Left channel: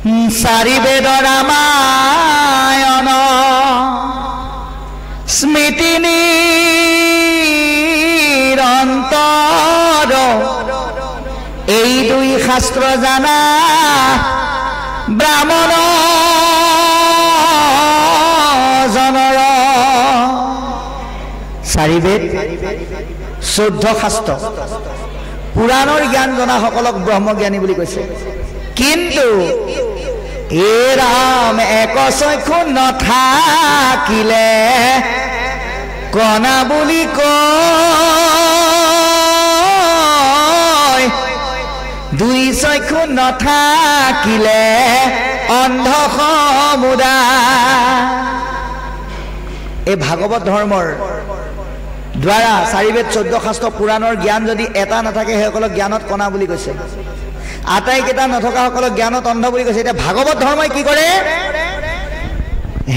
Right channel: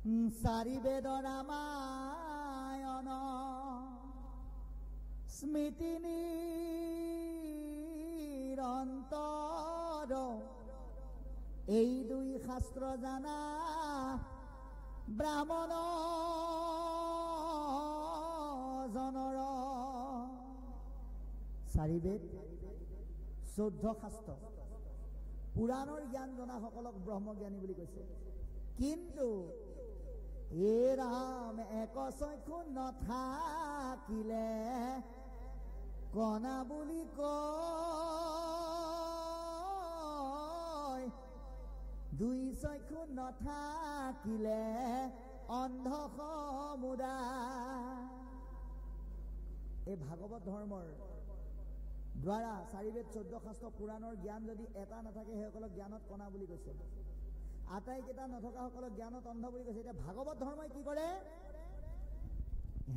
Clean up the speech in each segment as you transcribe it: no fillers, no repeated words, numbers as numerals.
চাৰি বেদ ৰামায়ণ স্মৃতি নিৰন্তৰ এই দুই শাস্ত্ৰ জানা ব্ৰাহ্মণ জনৰ চাৰি বেদ 14 শাস্ত্ৰ পুৰাণৰ জ্ঞান জনা সকলক ব্ৰহ্মজ্ঞানী বুলি কৈছে কিন্তু এ ৰাম এক চক্ষু নাথাকিলে কণা বুলি কয় দুই চক্ষু নাথাকিলে অন্ধ সমুদায় এই ভাগৱত ধৰ্মৰ দ্বাৰা চাৰি বেদ 14 শাস্ত্ৰ পুৰাণৰ জ্ঞান যদি এটা নাথাকে সেইসকলক জ্ঞানত কণা বুলি কৈছে আটাইকেইটা নথকা সকলক জ্ঞানত অন্ধ বুলি কৈছে এতিয়া ভাগৱত ধৰ্মই কি কৰে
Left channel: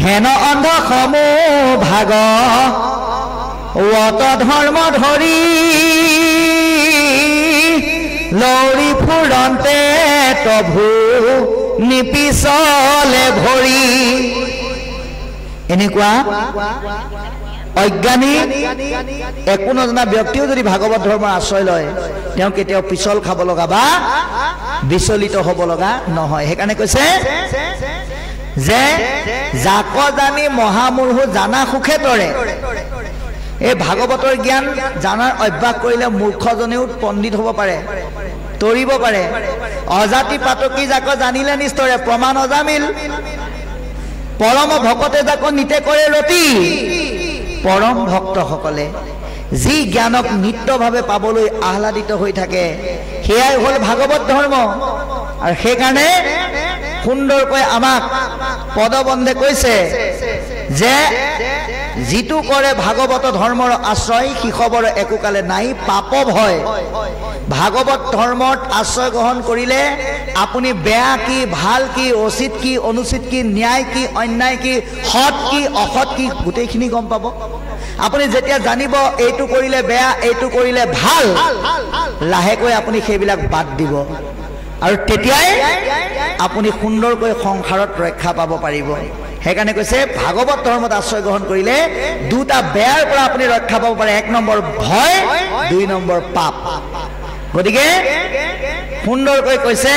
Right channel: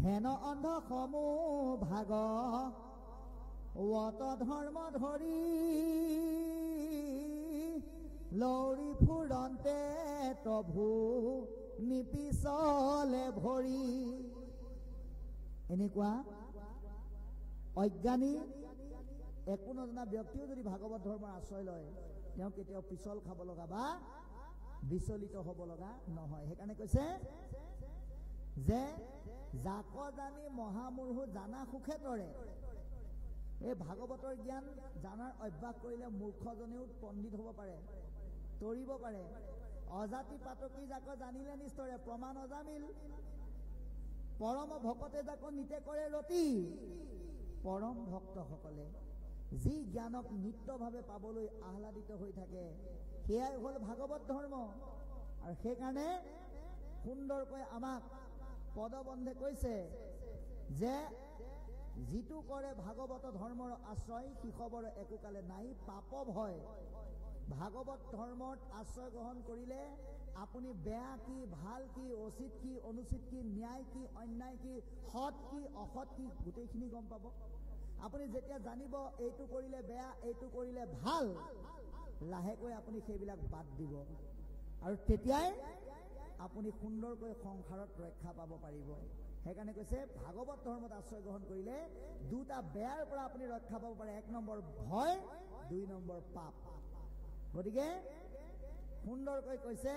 হেন অন্ধ সমূহ ভাগৱত ধৰ্ম ধৰি লৌৰি ফুৰন্তে প্ৰভু নিপিছলে ভৰি এনেকুৱা অজ্ঞানী একো নজনা ব্যক্তিও যদি ভাগৱত ধৰ্মৰ আশ্ৰয় লয় তেওঁ কেতিয়াও পিছল খাব লগা বা বিচলিত হ'ব লগা নহয় সেইকাৰণে কৈছে যে যাক জানি মহামূৰ্খ জানা সুখে তৰে এই ভাগৱতৰ জ্ঞান জানাৰ অভ্যাস কৰিলে মূৰ্খজনেও পণ্ডিত হ'ব পাৰে তৰিব পাৰে অজাতি পাতকি যাক জানিলে নিস্তৰে প্ৰমাণ অজামিল পৰম ভকতে যাক নিতে কৰে ৰতি পৰম ভক্তসকলে যি জ্ঞানক নিত্যভাৱে পাবলৈ আহ্লাদিত হৈ থাকে সেয়াই হ'ল ভাগৱত ধৰ্ম আৰু সেইকাৰণে সুন্দৰকৈ আমাক পদবন্ধে কৈছে যে যিটো কৰে ভাগৱত ধৰ্মৰ আশ্ৰয় শিশবৰ একোকালে নাই পাপ ভয় ভাগৱত ধৰ্মত আশ্ৰয় গ্ৰহণ কৰিলে আপুনি বেয়া কি ভাল কি উচিত কি অনুচিত কি ন্যায় কি অন্যায় কি সৎ কি অসৎ কি গোটেইখিনি গম পাব আপুনি যেতিয়া জানিব এইটো কৰিলে বেয়া এইটো কৰিলে ভাল লাহেকৈ আপুনি সেইবিলাক বাদ দিব আৰু তেতিয়াই আপুনি সুন্দৰকৈ সংসাৰত ৰক্ষা পাব পাৰিব সেইকাৰণে কৈছে ভাগৱত ধৰ্মত আশ্ৰয় গ্ৰহণ কৰিলে দুটা বেয়াৰ পৰা আপুনি ৰক্ষা পাব পাৰে 1 নম্বৰ ভয় 2 নম্বৰ পাপ গতিকে সুন্দৰকৈ কৈছে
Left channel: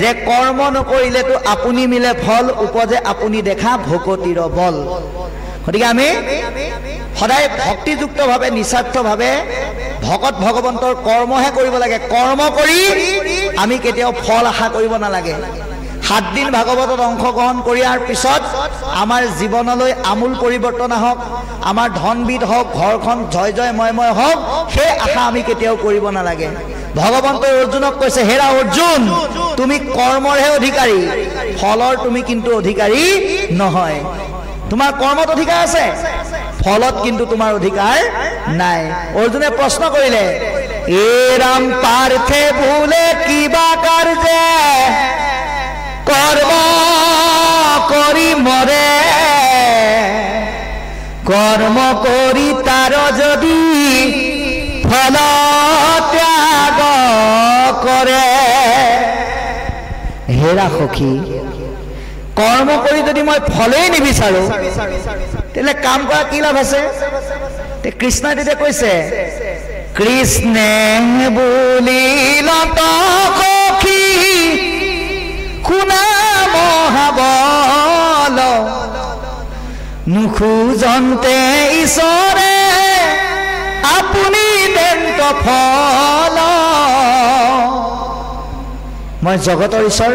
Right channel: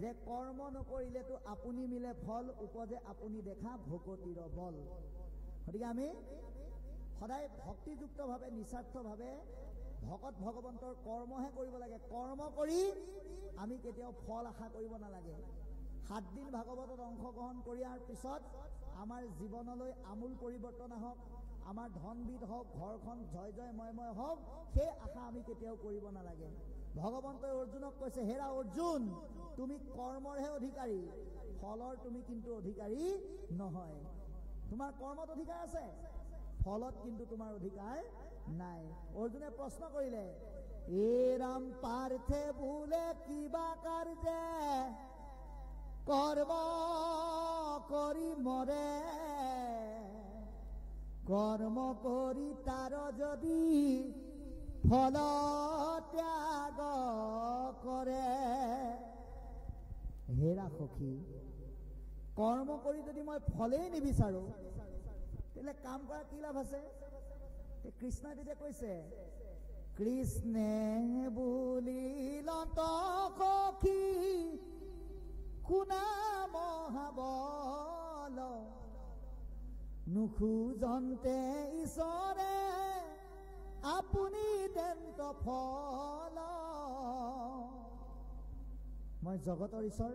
যে কৰ্ম নকৰিলেতো আপুনি মিলে ফল উপজে আপুনি দেখা ভকতিৰ বল গতিকে আমি সদায় ভক্তিযুক্তভাৱে নিস্বাৰ্থভাৱে ভকত ভগৱন্তৰ কৰ্মহে কৰিব লাগে কৰ্ম কৰি আমি কেতিয়াও ফল আশা কৰিব নালাগে 7 দিন ভাগৱতত অংশগ্ৰহণ কৰিয়াৰ পিছত আমাৰ জীৱনলৈ আমূল পৰিৱৰ্তন আহক আমাৰ ধনবিধ হওক ঘৰখন জয় জয় ময় হওক সেই আশা আমি কেতিয়াও কৰিব নালাগে ভগৱন্তই অৰ্জুনক কৈছে হেৰা অৰ্জুন তুমি কৰ্মৰহে অধিকাৰী ফলৰ তুমি কিন্তু অধিকাৰী নহয় তোমাৰ কৰ্মত অধিকাৰ আছে ফলত কিন্তু তোমাৰ অধিকাৰ নাই অৰ্জুনে প্ৰশ্ন কৰিলে এ ৰাম পাৰ্থে ভুলে কিবা কাৰ্যে কৰ্ম কৰি মৰে কৰ্ম কৰি তাৰ যদি ফল ত্যাগ কৰে হেৰা সখী কৰ্ম কৰি যদি মই ফলেই নিবিচাৰো তেলে কাম কৰা কি লাভ আছে তে কৃষ্ণই তেতিয়া কৈছে কৃষ্ণে বুলিল সখী শুনা মহাবল নুখোজন্তে ঈশ্বৰে আপুনি দেন্ত ফল মই জগতৰ ঈশ্বৰ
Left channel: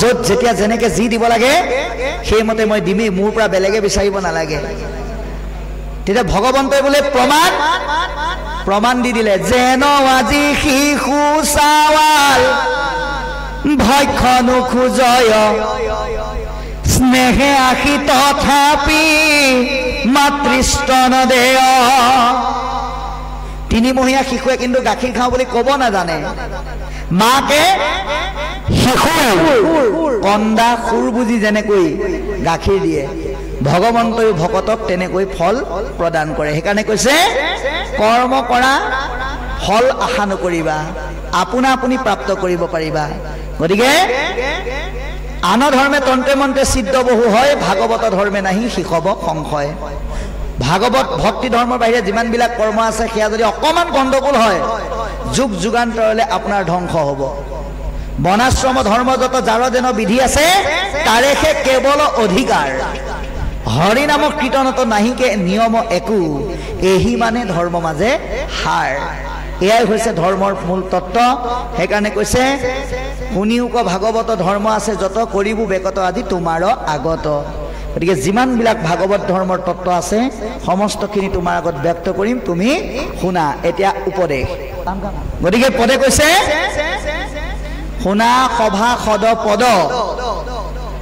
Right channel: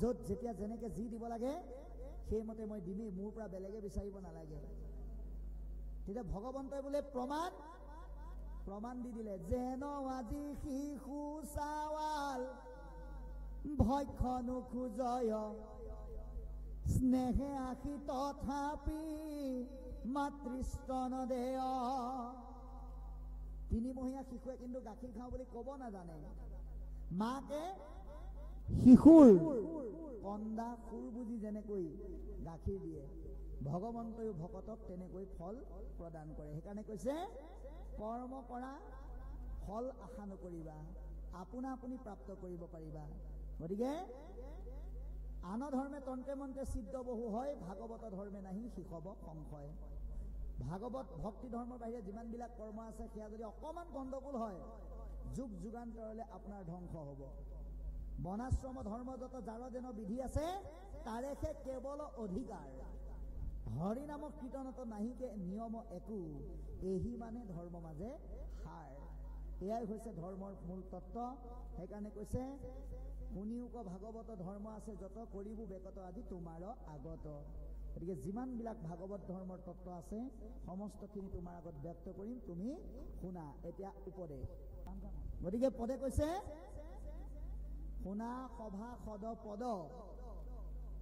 য'ত যেতিয়া যেনেকে যি দিব লাগে সেইমতে মই দিমেই মোৰ পৰা বেলেগে বিচাৰিব নালাগে তেতিয়া ভগৱন্তই বোলে প্ৰমাণ দি দিলে যেন আজি শিশু চাৱাল ভক্ষ নোখোজয় স্নেহে আশী তথাপি মাতৃস্তন দেয় 3 মহীয়া শিশুৱে কিন্তু গাখীৰ খাওঁ বুলি ক'ব নাজানে মাকে শিশু কন্দা সুৰ বুজি যেনেকৈ গাখীৰ দিয়ে ভগৱন্তই ভকতক তেনেকৈ ফল প্ৰদান কৰে সেইকাৰণে কৈছে কৰ্ম কৰা ফল আশা নকৰিবা, আপোনা আপুনি প্ৰাপ্ত কৰিব পাৰিবা। গতিকে আন ধৰ্মে তন্ত্ৰে মন্ত্ৰে সিদ্ধ বহু হয়, ভাগৱত ধৰ্মে নাহি শিষব সংশয়। ভাগৱত ভক্তি ধৰ্মৰ বাহিৰে যিমানবিলাক কৰ্ম আছে সেয়া যদি অকণমান গণ্ডগোল হয়, যুগ যুগান্তৰলৈ আপোনাৰ ধ্বংস হ'ব। বনাশ্ৰম ধৰ্ম যত যাৰ যেন বিধি আছে, তাৰেহে কেৱল অধিকাৰ। হৰি নাম কীৰ্তনত নাহিকে নিয়ম একো, এহি মানে ধৰ্ম মাজে সাৰ। এয়াই হৈছে ধৰ্মৰ মূল তত্ত্ব। সেইকাৰণে কৈছে শুনিও ক ভাগৱত ধৰ্ম আছে যত, কৰিবো বেকত আদি তোমাৰ আগত। গতিকে যিমানবিলাক ভাগৱত ধৰ্মৰ তত্ত্ব আছে সমস্তখিনি তোমাৰ আগত ব্যক্ত কৰিম, তুমি শুনা। এতিয়া উপদেশ, গতিকে পদে কৈছে শুনা সভা সদ পদ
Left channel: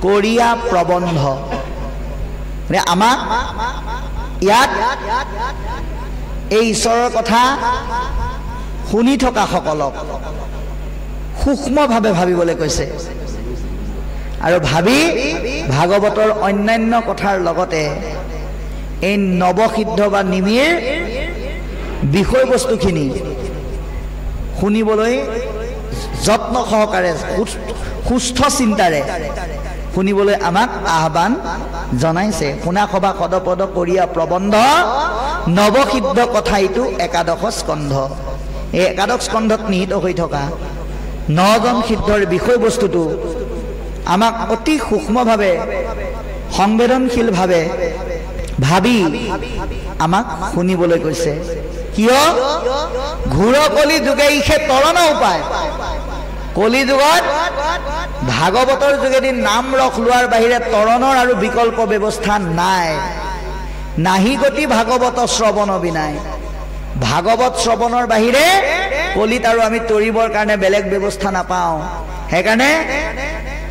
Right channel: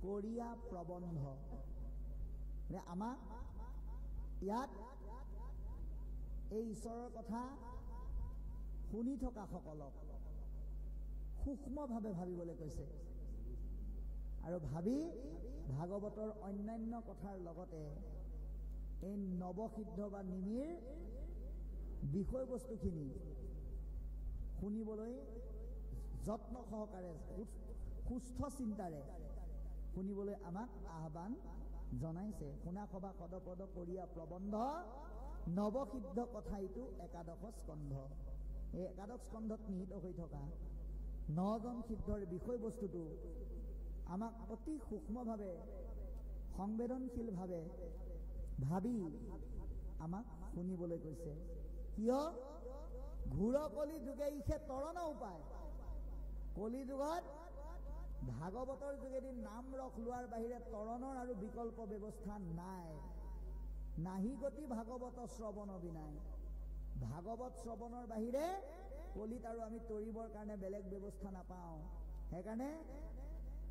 কৰিয়া প্ৰবন্ধ। আমাক ইয়াত এই ঈশ্বৰৰ কথা শুনি থকা সকলক সূক্ষ্মভাৱে ভাবিবলৈ কৈছে, আৰু ভাবি ভাগৱতৰ অন্যান্য কথাৰ লগতে এই নৱসিদ্ধ বা নিমিৰ বিষয়বস্তুখিনি শুনিবলৈ যত্ন সহকাৰে সুস্থ চিন্তাৰে শুনিবলৈ আমাক আহ্বান জনাইছে। শুনা সভা সদপদ কৰিয়া প্ৰবন্ধ নৱসিদ্ধ কথা, এইটো একাদশ স্কন্ধ। এই একাদশ স্কন্ধত নিহিত হৈ থকা 9জন সিদ্ধৰ বিষয়বস্তুটো আমাক অতি সূক্ষ্মভাৱে সংবেদনশীলভাৱে ভাবি আমাক শুনিবলৈ কৈছে। কিয়? ঘূৰ কলি যুগে ইহে তৰণ উপায়। কলি যুগত ভাগৱতৰ যোগেদি নাম ৰস লোৱাৰ বাহিৰে তৰণৰ আৰু বিকল্প ব্যৱস্থা নাই। নাহি গতি ভাগৱত শ্ৰৱণ বিনাই। ভাগৱত শ্ৰৱণৰ বাহিৰে কলিত আৰু আমি তৰিবৰ কাৰণে বেলেগ ব্যৱস্থা নাপাওঁ। সেইকাৰণে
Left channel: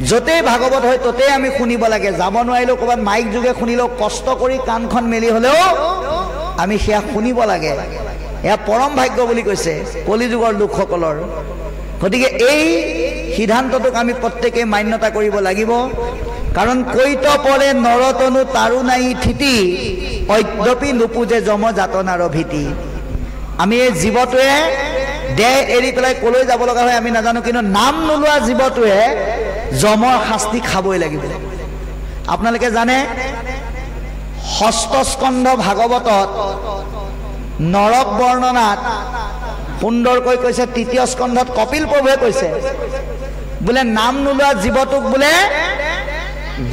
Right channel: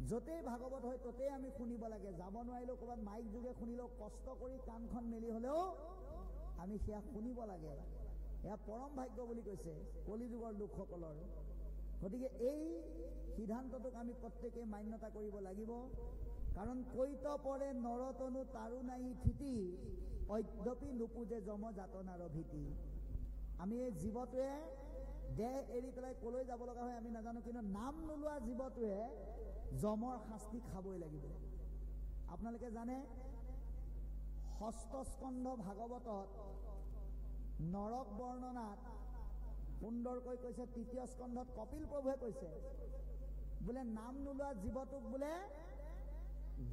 য'তেই ভাগৱত হয় ততেই আমি শুনিব লাগে। যাব নোৱাৰিলেও ক'ৰবাত মাইক যোগে শুনিলেও, কষ্ট কৰি কাণখন মেলি হ'লেও আমি সেয়া শুনিব লাগে। এয়া পৰম ভাগ্য বুলি কৈছে কলিযুগৰ লোকসকলৰ। গতিকে এই সিদ্ধান্তটোক আমি প্ৰত্যেকেই মান্যতা কৰিব লাগিব। কাৰণ কৈত পৰে নৰতনু তাৰো নাই থিতি, অদ্যপি নুপুজে যম যাতনাৰ ভীতি। আমি এই জীৱটোৱে দেহ এৰি পেলাই কলৈ যাব লগা হয় আমি নাজানো, কিন্তু নাম নোলোৱা জীৱটোৱে যমৰ শাস্তি খাবই লাগিব। আপোনালোকে জানে ষষ্ঠ স্কন্ধ ভাগৱতত নৰক বৰ্ণনাত সুন্দৰকৈ কৈছে, তৃতীয় স্কন্ধত কপিল প্ৰভুৱে কৈছে বোলে নাম নোলোৱা জীৱটোক বোলে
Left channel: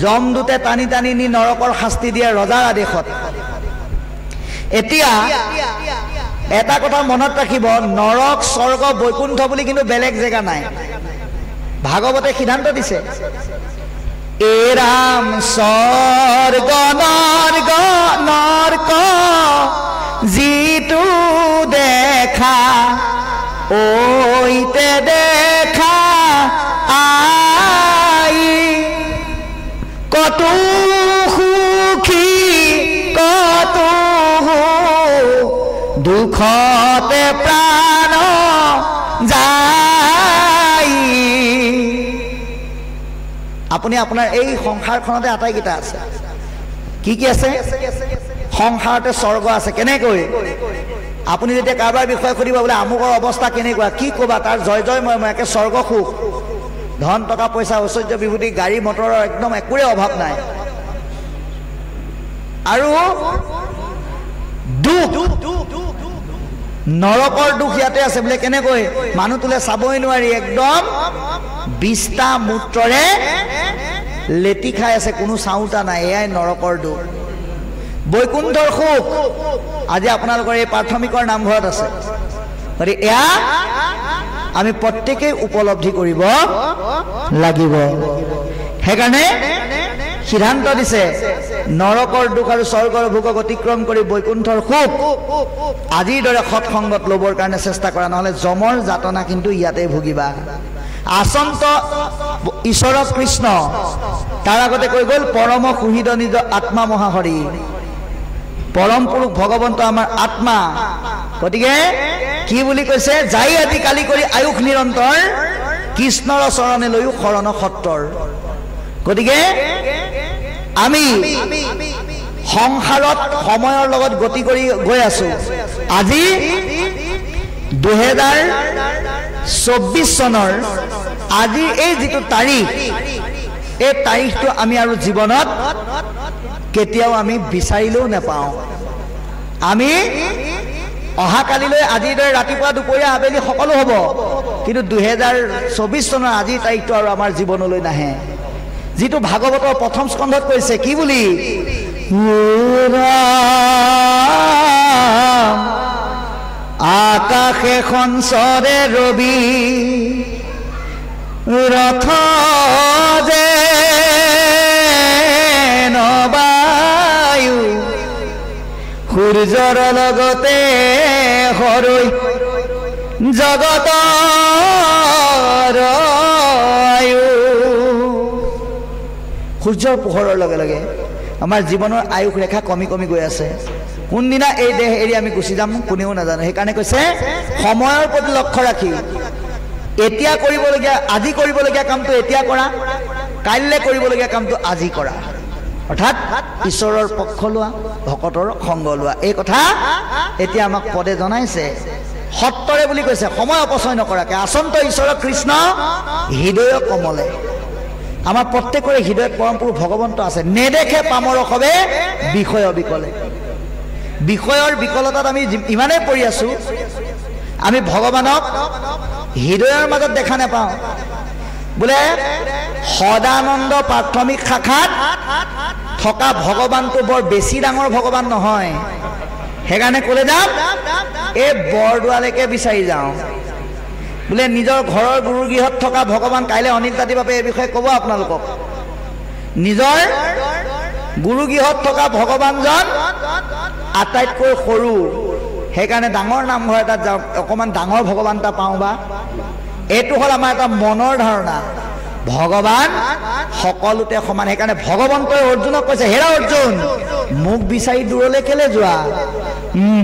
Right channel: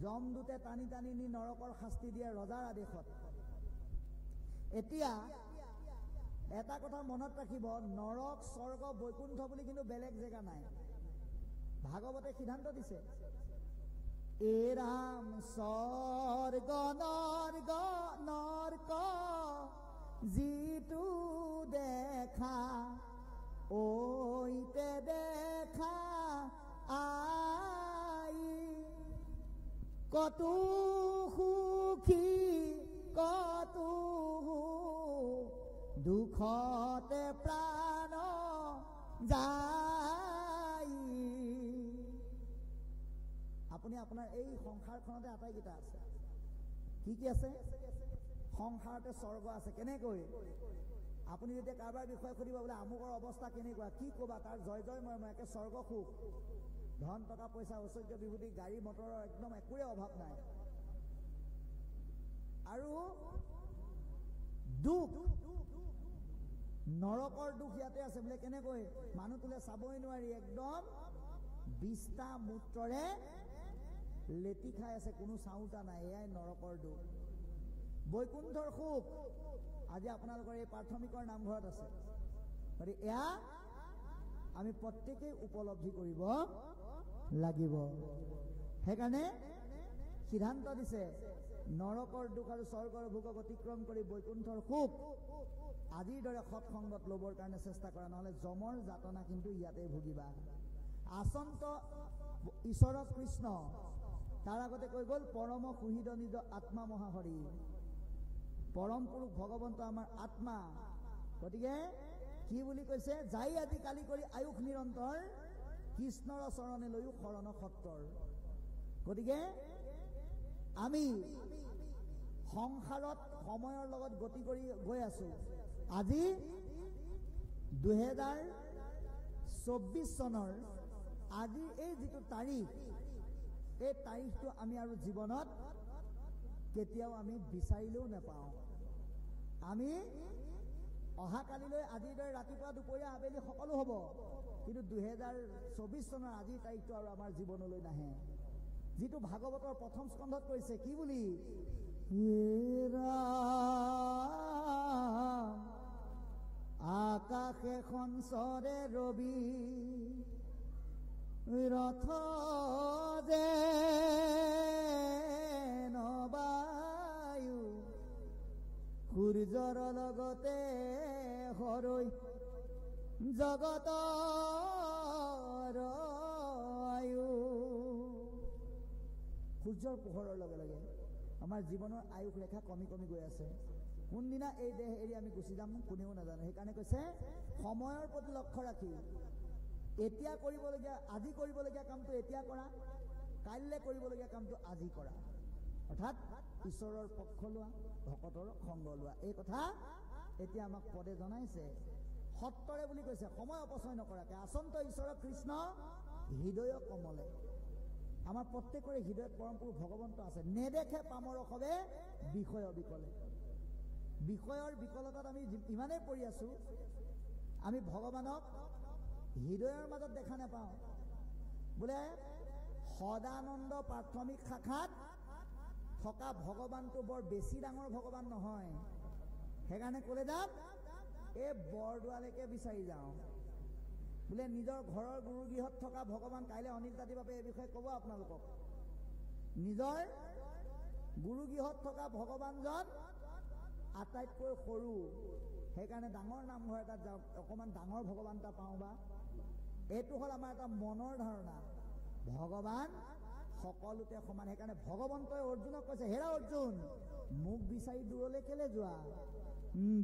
যমদূতে টানি টানি নি নৰকৰ শাস্তি দিয়ে ৰজাৰ আদেশত। এতিয়া এটা কথা মনত ৰাখিব, নৰক স্বৰ্গ বৈকুণ্ঠ বুলি কিন্তু বেলেগ জেগা নাই। ভাগৱতে সিদ্ধান্ত দিছে, এৰাম স্বৰ্গ নৰক যিটো দেখা ঐতে দেখা আই, কত সুখী কত দুখতে প্ৰাণ যায়। আপুনি আপোনাৰ এই সংসাৰখনতে আটাইকেইটা আছে। কি কি আছে? সংসাৰতে স্বৰ্গ আছে। কেনেকৈ? আপুনি যেতিয়া কাৰোবাৰ বিষয়ে সুধিব বোলে আমুকৰ অৱস্থা কেনেকুৱা, কি ক'বা? তাৰ জয় জয় মই একে স্বৰ্গ সুখ, ধন টকা পইচা ঐশ্বৰ্য বিভূতি গাড়ী মটৰৰ একদম একোৰে অভাৱ নাই। আৰু দুখ, নৰকৰ দুখ ইয়াতে আছে বোলে। কেনেকৈ? মানুহ তোলে চাবই নোৱাৰি, একদম বিষ্টা মূত্ৰৰে লেটি খাই আছে, কোনো চাওঁতা নাই। এয়াই নৰকৰ দুখ। বৈকুণ্ঠৰ সুখ আজি আপোনালোকৰ এই প্ৰাথমিকৰ নামঘৰত আছে। গতিকে এয়া আমি প্ৰত্যেকেই উপলব্ধি কৰিব লাগিব। সেইকাৰণে সিদ্ধান্ত দিছে, নৰকৰ দুখ আৰু স্বৰ্গৰ ভোগক অতিক্ৰম কৰি বৈকুণ্ঠৰ সুখ আজিৰ দৰে সৎসংগত ল'বৰ কাৰণে চেষ্টা কৰা, নহ'লে যমৰ যাতনা কিন্তু ইয়াতে ভুগিবা। আচন্ত ঈশ্বৰ কৃষ্ণ তাৰ আগতে কৈ গ'ল, পৰম সুহৃদ নিজ আত্মা মহাহৰি। পৰম পুৰুষ ভগৱন্ত আমাৰ আত্মা। গতিকে কি বুলি কৈছে? যাই আদি কালি কৰি আয়ুস নিৰন্তৰ, কৃষ্ণৰ চৰণে লৈও শৰণ সত্ৰৰ। গতিকে আমি সংসাৰত সময়ৰ লগত গতি কৰি গৈ আছো। আজি 2024 চনৰ আজি এই যিটো তাৰিখ, এই তাৰিখটো আমি আৰু জীৱনত কেতিয়াও আমি বিচাৰিলেও নাপাওঁ। আমি অহাকালিলৈ আজিৰ দৰে ৰাতিপুৱা দুপৰীয়া আবেলি সকলো হ'ব, কিন্তু 2024 চনৰ আজিৰ তাৰিখটো আৰু আমাৰ জীৱনলৈ নাহে। যিটো ভাগৱতৰ প্ৰথম স্কন্ধত কৈছে কি বুলি, আকাশে সঞ্চৰে ৰবি ৰথ যে নবায়ু সূৰ্যৰ লগতে হৰৈ জগতৰ আয়ু। সূৰ্যৰ পোহৰৰ লগে লগে আমাৰ জীৱনৰ আয়ুস ৰেখা কমি কমি গৈ আছে। কোনদিনা এই দেহ এৰি আমি গুচি যাম কোনেও নাজানে। সেইকাৰণে কৈছে সময়ৰ প্ৰতি লক্ষ্য ৰাখি এতিয়া কৰিবলগীয়া, আজি কৰিবলগীয়া কামটো এতিয়া কৰা, কাইলৈ কৰিবলগীয়া কামটো আজি কৰা। অৰ্থাৎ ঈশ্বৰৰ পক্ষ লোৱা, ভকতৰ সংগ লোৱা। এই কথা এতিয়া আমাক পদে জনাইছে। সত্তৰে বুলি কৈছে, সময় অপচয় নকৰাকে। আচন্ত ঈশ্বৰ কৃষ্ণ হৃদয় কমলে। আমাৰ প্ৰত্যেকৰে হৃদয়ত পৰম পুৰুষ ভগৱন্ত আছে। নেদেখে পামৰ সবে বিষয় বিকলে। বিষয়ৰ বিকলতাত আমি ইমানেই পৰি আছো, আমি ভগৱানক হৃদয়ৰ মাজত দেখা নাপাওঁ। বোলে সদানন্দ প্ৰাথমিক শাখাত থকা ভগৱানটো বৰ বেছি ডাঙৰ ভগৱান নহয়। সেইকাৰণে ক'লে যাম এই বৰদোৱালৈকে বিচাৰি যাওঁ। বোলে নিজৰ ঘৰৰ গুৰুগৃহত থকা ভগৱান, কাইলৈ অনিল দাতি বাপে এই বিষয়ে ক'ব আপোনালোকক। নিজৰ গুৰুগৃহত থকা ভগৱানজন আটাইতকৈ সৰু, সেইকাৰণে ডাঙৰ নামঘৰ এটাত যাওঁ, অকণমান ডাঙৰ ভগৱান এটা পাওঁ বা। এইটো হ'ল আমাৰ এটা মনৰ ধাৰণা। ভগৱান সকলোতে সমান। সেইকাৰণে ভগৱন্তই অৰ্জুনক কৈছে, হেৰা অৰ্জুন, মোক বিচাৰি দূৰলৈ কেলে যোৱা?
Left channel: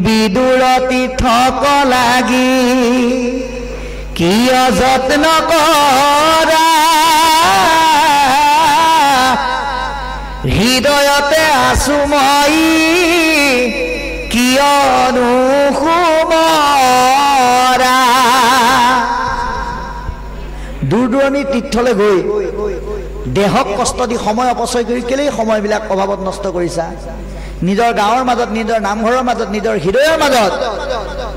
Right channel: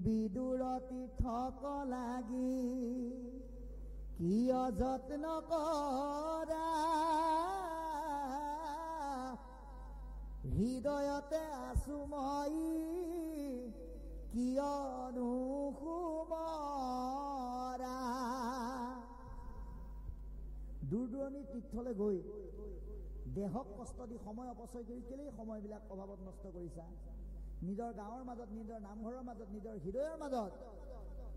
বিদুৰ তীৰ্থক লাগি কিয় যত্ন কৰা, হৃদয়তে আছো মই কিয়নো সুমৰা। দূৰ দূৰণি তীৰ্থলৈ গৈ দেহক কষ্ট দি সময় অপচয় কৰি কেলেই সময়বিলাক অভাৱত নষ্ট কৰিছা? নিজৰ গাঁৱৰ মাজত, নিজৰ নামঘৰৰ মাজত, নিজৰ হৃদয়ৰ মাজত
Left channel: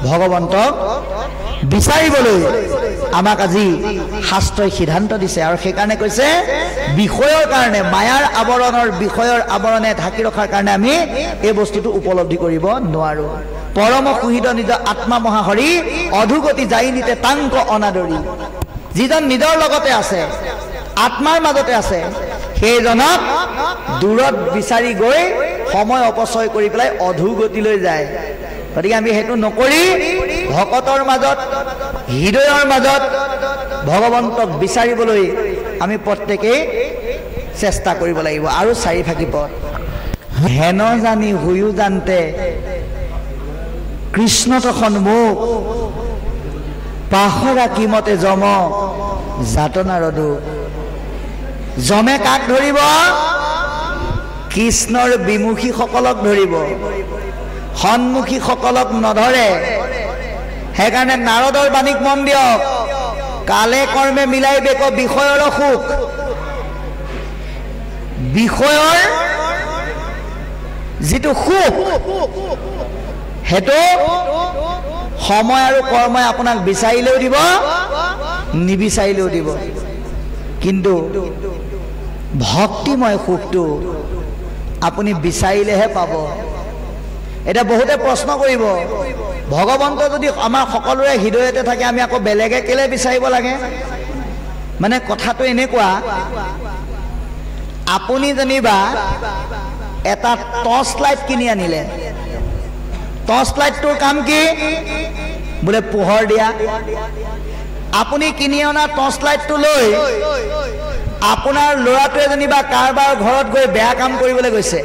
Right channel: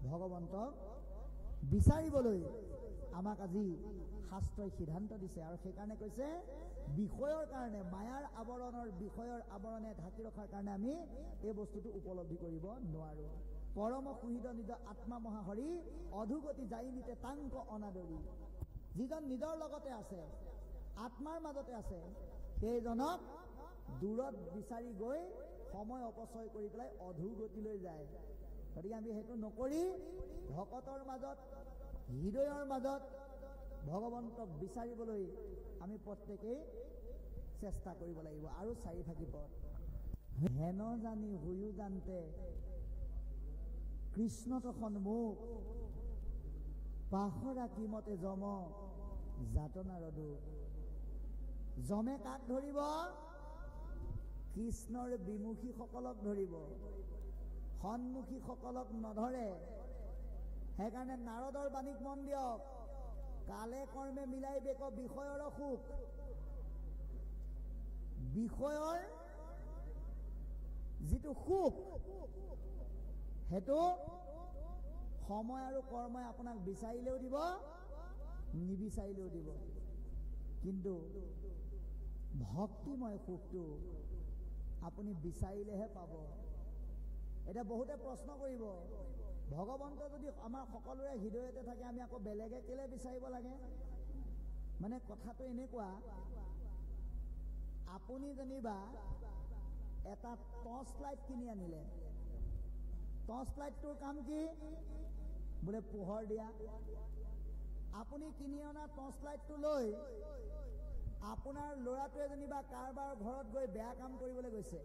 ভগৱন্তক বিচাৰিবলৈ আমাক আজি শাস্ত্ৰই সিদ্ধান্ত দিছে। আৰু সেইকাৰণে কৈছে বিষয়ৰ কাৰণে, মায়াৰ আৱৰণৰ, বিষয়ৰ আৱৰণে ঢাকি ৰখাৰ কাৰণে আমি এই বস্তুটো উপলব্ধি কৰিব নোৱাৰো। পৰম সুহিত নিজ আত্মা মহাহৰি অধুগতি যাই নিতে তাংক অনাদৰি। যিজন নিজৰ লগতে আছে, আত্মাৰ মাজতে আছে, সেইজনক দূৰত বিচাৰি গৈ সময় অপচয় কৰি পেলাই অধোগতিলৈ যায়। গতিকে আমি সেইটো নকৰি ভকতৰ মাজত, হৃদয়ৰ মাজত ভগৱন্তক বিচাৰিবলৈ আমি প্ৰত্যেকেই চেষ্টা কৰিব লাগিব। আৰু চাৰিভাগী পদ, হেন জানি হুয়ো জানতে কৃষ্ণ তখন মোক পাহৰা কিমতে যম যাতনাৰ দুখ। যমে কাক ধৰিব? কৃষ্ণৰ বিমুখীসকলক ধৰিব, সন্মুখীসকলক নধৰে। সেইকাৰণে নাৰদৰ বাণীক মন দিয়ক, কালে কৰ্মে মিলাই বেক বিষয়ৰ সুখ। বিষয়ৰ যিটো সুখ, সেইটো সময় আৰু কৰ্মই আপোনাক বিচাৰিলেও দিব, নিবিচাৰিলেও দিব। কিন্তু ভক্তিময় সুখটো আপুনি বিচাৰিলেহে পাব। এতিয়া বহুতে প্ৰশ্ন কৰিব, ভগৱন্ত যদি আমাৰ সকলোৰে হৃদয়তে থাকে, আমি আকৌ বেলেগে কেলে বিচাৰিব লাগে? মানে কথাটো এনেকুৱা, আপুনি যেনিবা এটা টৰ্চ লাইট কিনি আনিলে, টৰ্চ লাইটটোৰ কাম কি? বোলে পোহৰ দিয়া। আপুনি কিনি অনা টৰ্চ লাইটটো লৈ আপোনাৰ ল'ৰাটোৱে যেনিবা কাৰোবাৰ ঘৰত গৈ বেয়া কাম কৰিবলৈ গৈছে,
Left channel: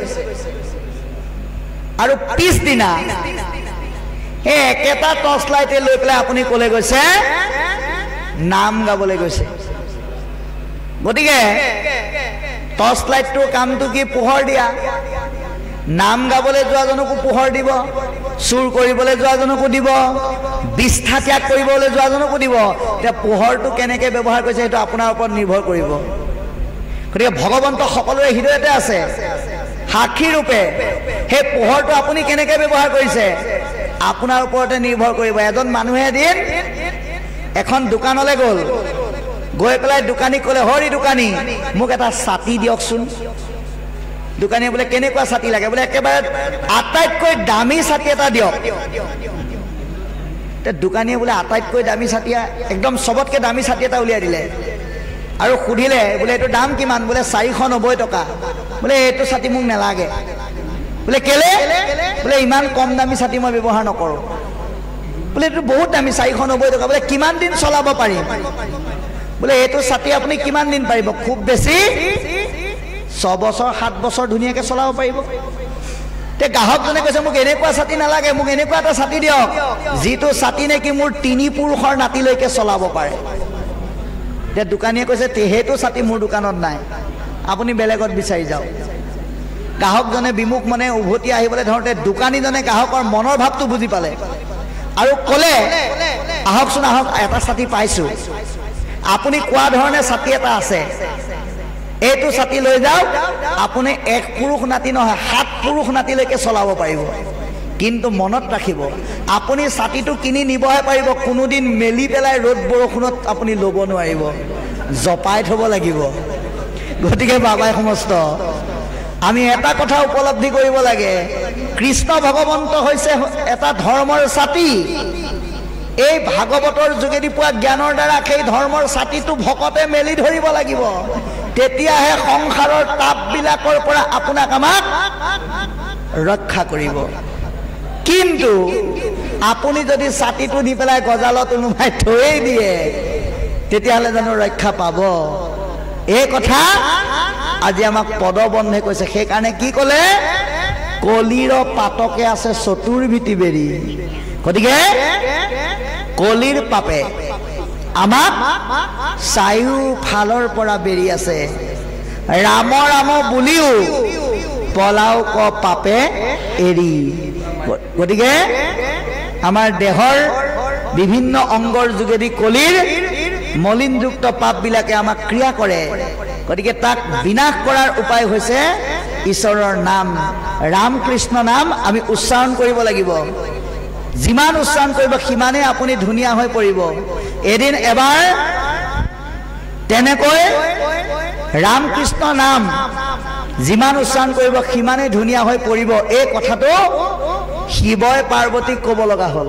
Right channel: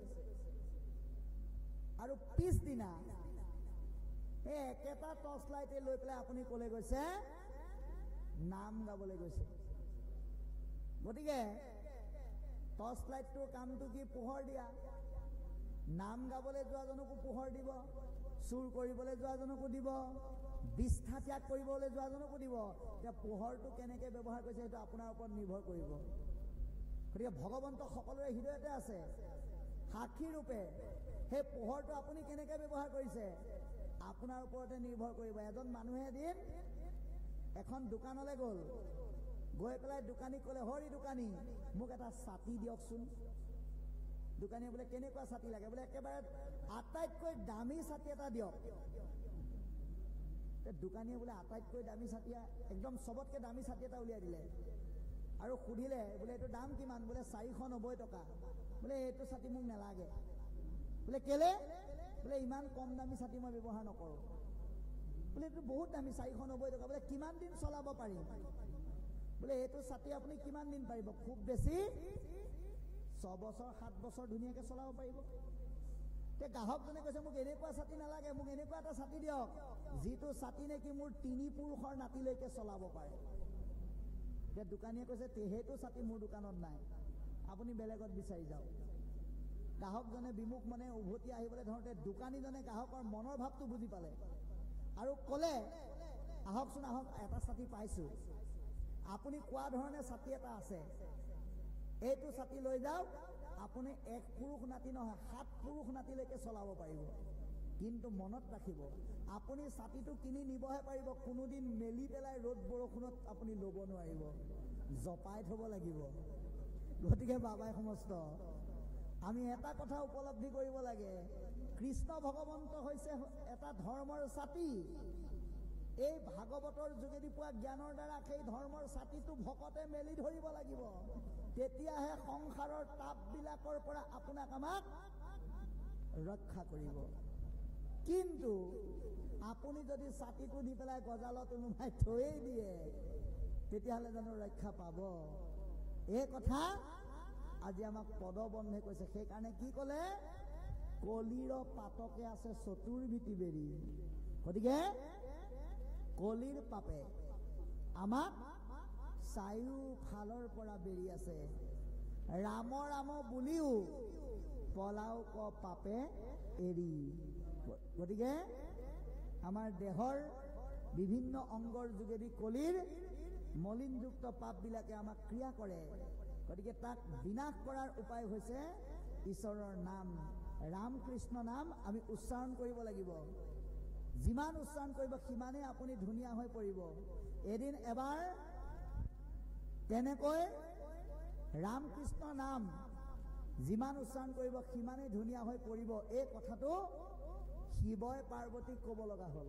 আৰু পিছদিনা সেই একেটা টৰ্চ লাইটে লৈ পেলাই আপুনি ক'লে গৈছে নাম গাবলৈ গৈছে। গতিকে টৰ্চ লাইটটোৰ কামটো কি? পোহৰ দিয়া। নাম গাবলৈ যোৱাজনকো পোহৰ দিব, চুৰ কৰিবলৈ যোৱাজনকো দিব, বিষ্ঠা ত্যাগ কৰিবলৈ যোৱাজনকো দিব। এতিয়া পোহৰটো কেনেকৈ ব্যৱহাৰ কৰিছে সেইটো আপোনাৰ ওপৰত নিৰ্ভৰ কৰিব। গতিকে ভগৱন্ত সকলোৰে হৃদয়তে আছে সাক্ষী ৰূপে। সেই পোহৰটো আপুনি কেনেকৈ ব্যৱহাৰ কৰিছে আপোনাৰ ওপৰতে নিৰ্ভৰ কৰিব। এজন মানুহে এদিন এখন দোকানলৈ গ'ল, গৈ পেলাই দোকানীক ক'লে, হৰি দোকানী মোক এটা ছাতি দিয়কচোন। দোকানীয়ে বোলে কেনেকুৱা ছাতি লাগে? বোলে একেবাৰে আটাইতকৈ দামী ছাতি এটা দিয়ক। দোকানীয়ে বোলে আটাইতকৈ দামী ছাতি, একদম চবতকৈ দামী ছাতি এটা উলিয়াই দিলে আৰু সুধিলে বোলে এইটো দাম কিমান? বোলে 490 টকা। বোলে এইটো ছাতি মোক নালাগে। বোলে কেলে? বোলে ইমান কম দামী ছাতি মই ব্যৱহাৰ নকৰোঁ। বোলে এইটো বহুত দামী, 490 টকা। বোলে কিমান দিন চলাব পাৰিম? বোলে এইটো ছাতি আপুনি কিমান দিন পাৰিব? খুব বেছি 6 বছৰ 7 বছৰ ধুনীয়াকৈ চলাব পাৰিব। তে গ্ৰাহকজনে কৈছে মোক এনেকুৱা ছাতি নালাগে, মোক এনেকুৱা এটা ছাতি দিয়ক যিটো ছাতি নেকি মোৰ 3 পুৰুষৰ নাতিলৈকে চলাব পাৰে। তে দোকানীয়ে কৈছে সেইটো ছাতি মোৰ দোকানত নাই, আপুনি বেলেগত বিচাৰি যাওক। গ্ৰাহকজনে বিমুখ মনে উভতি আহিবলৈ ধৰোঁতে দোকানীজনে গ্ৰাহকৰ মনৰ ভাৱটো বুজি পালে আৰু ক'লে, আহকচোন আহক, এটা ছাতি পাইছোঁ, আপুনি কোৱা ধৰণে ছাতি এটা আছে, এইটো ছাতি লৈ যাওক, আপুনি 1 পুৰুষ নাতি নহয় 7 পুৰুষ নাতিলৈকে চলাব পাৰিব। কিন্তু মনত ৰাখিব, আপুনি ছাতিটো কিনি নিবহে পাৰিব, কোনোদিন মেলি পেলাই ৰ'দ বৰষুণত আপুনি ল'ব নোৱাৰিব, জপাই থ'ব লাগিব। গতিকে বাবাই সমস্ত আমি এটা কথা উপলব্ধি কৰিব লাগে, কৃষ্ণ ভগৱন্ত হৈছে এটা ধৰ্মৰ ছাতি। এই ভাগৱতৰ যোগেদি পোৱা জ্ঞানৰ দ্বাৰা সেই ধৰ্মৰ ছাতিটো ভকতে মেলি ধৰিব লাগিব, তেতিয়াহে সংসাৰৰ তাপবিলাকৰ পৰা আপোনাক আমাক ৰক্ষা কৰিব। কিন্তু আপুনি যদি ছাতিটো নি পেলাই গজালত ওলোমাই থৈ দিয়ে তেতিয়াহ'লে জানো ৰক্ষা পাব? এই কথা আজি আমাক পদবন্ধে কৈছে। সেইকাৰণে কি ক'লে? কলিৰ পাতকে আছে চতুৰ্ভীতি বেৰি। গতিকে কলিৰ পাপে আমাক চাৰিওফালৰ পৰা বেৰি আছে। ৰাম ৰাম বুলিও পলাও ক পাপে এৰি। গতিকে আমাৰ দেহৰ বিভিন্ন অংগৰ যোগেদি কলিৰ মলিনযুক্ত পাপবিলাকে আমাক ক্ৰিয়া কৰে। গতিকে তাক বিনাশ কৰাৰ উপায় হৈছে ঈশ্বৰৰ নাম, ৰাম কৃষ্ণ নাম আমি উচ্চাৰণ কৰিব লাগিব। যিমান উচ্চাৰণ কৰিব সিমানেই আপুনি ধুনীয়া হৈ পৰিব। এদিন এবাৰ তেনেকৈ ৰাম কৃষ্ণ নাম যিমান উচ্চাৰণ কৰিব সিমানেই ধুনীয়া হৈ পৰিব। এই কথাটো শিৱই পাৰ্বতীক ক'ব লগা হ'ল।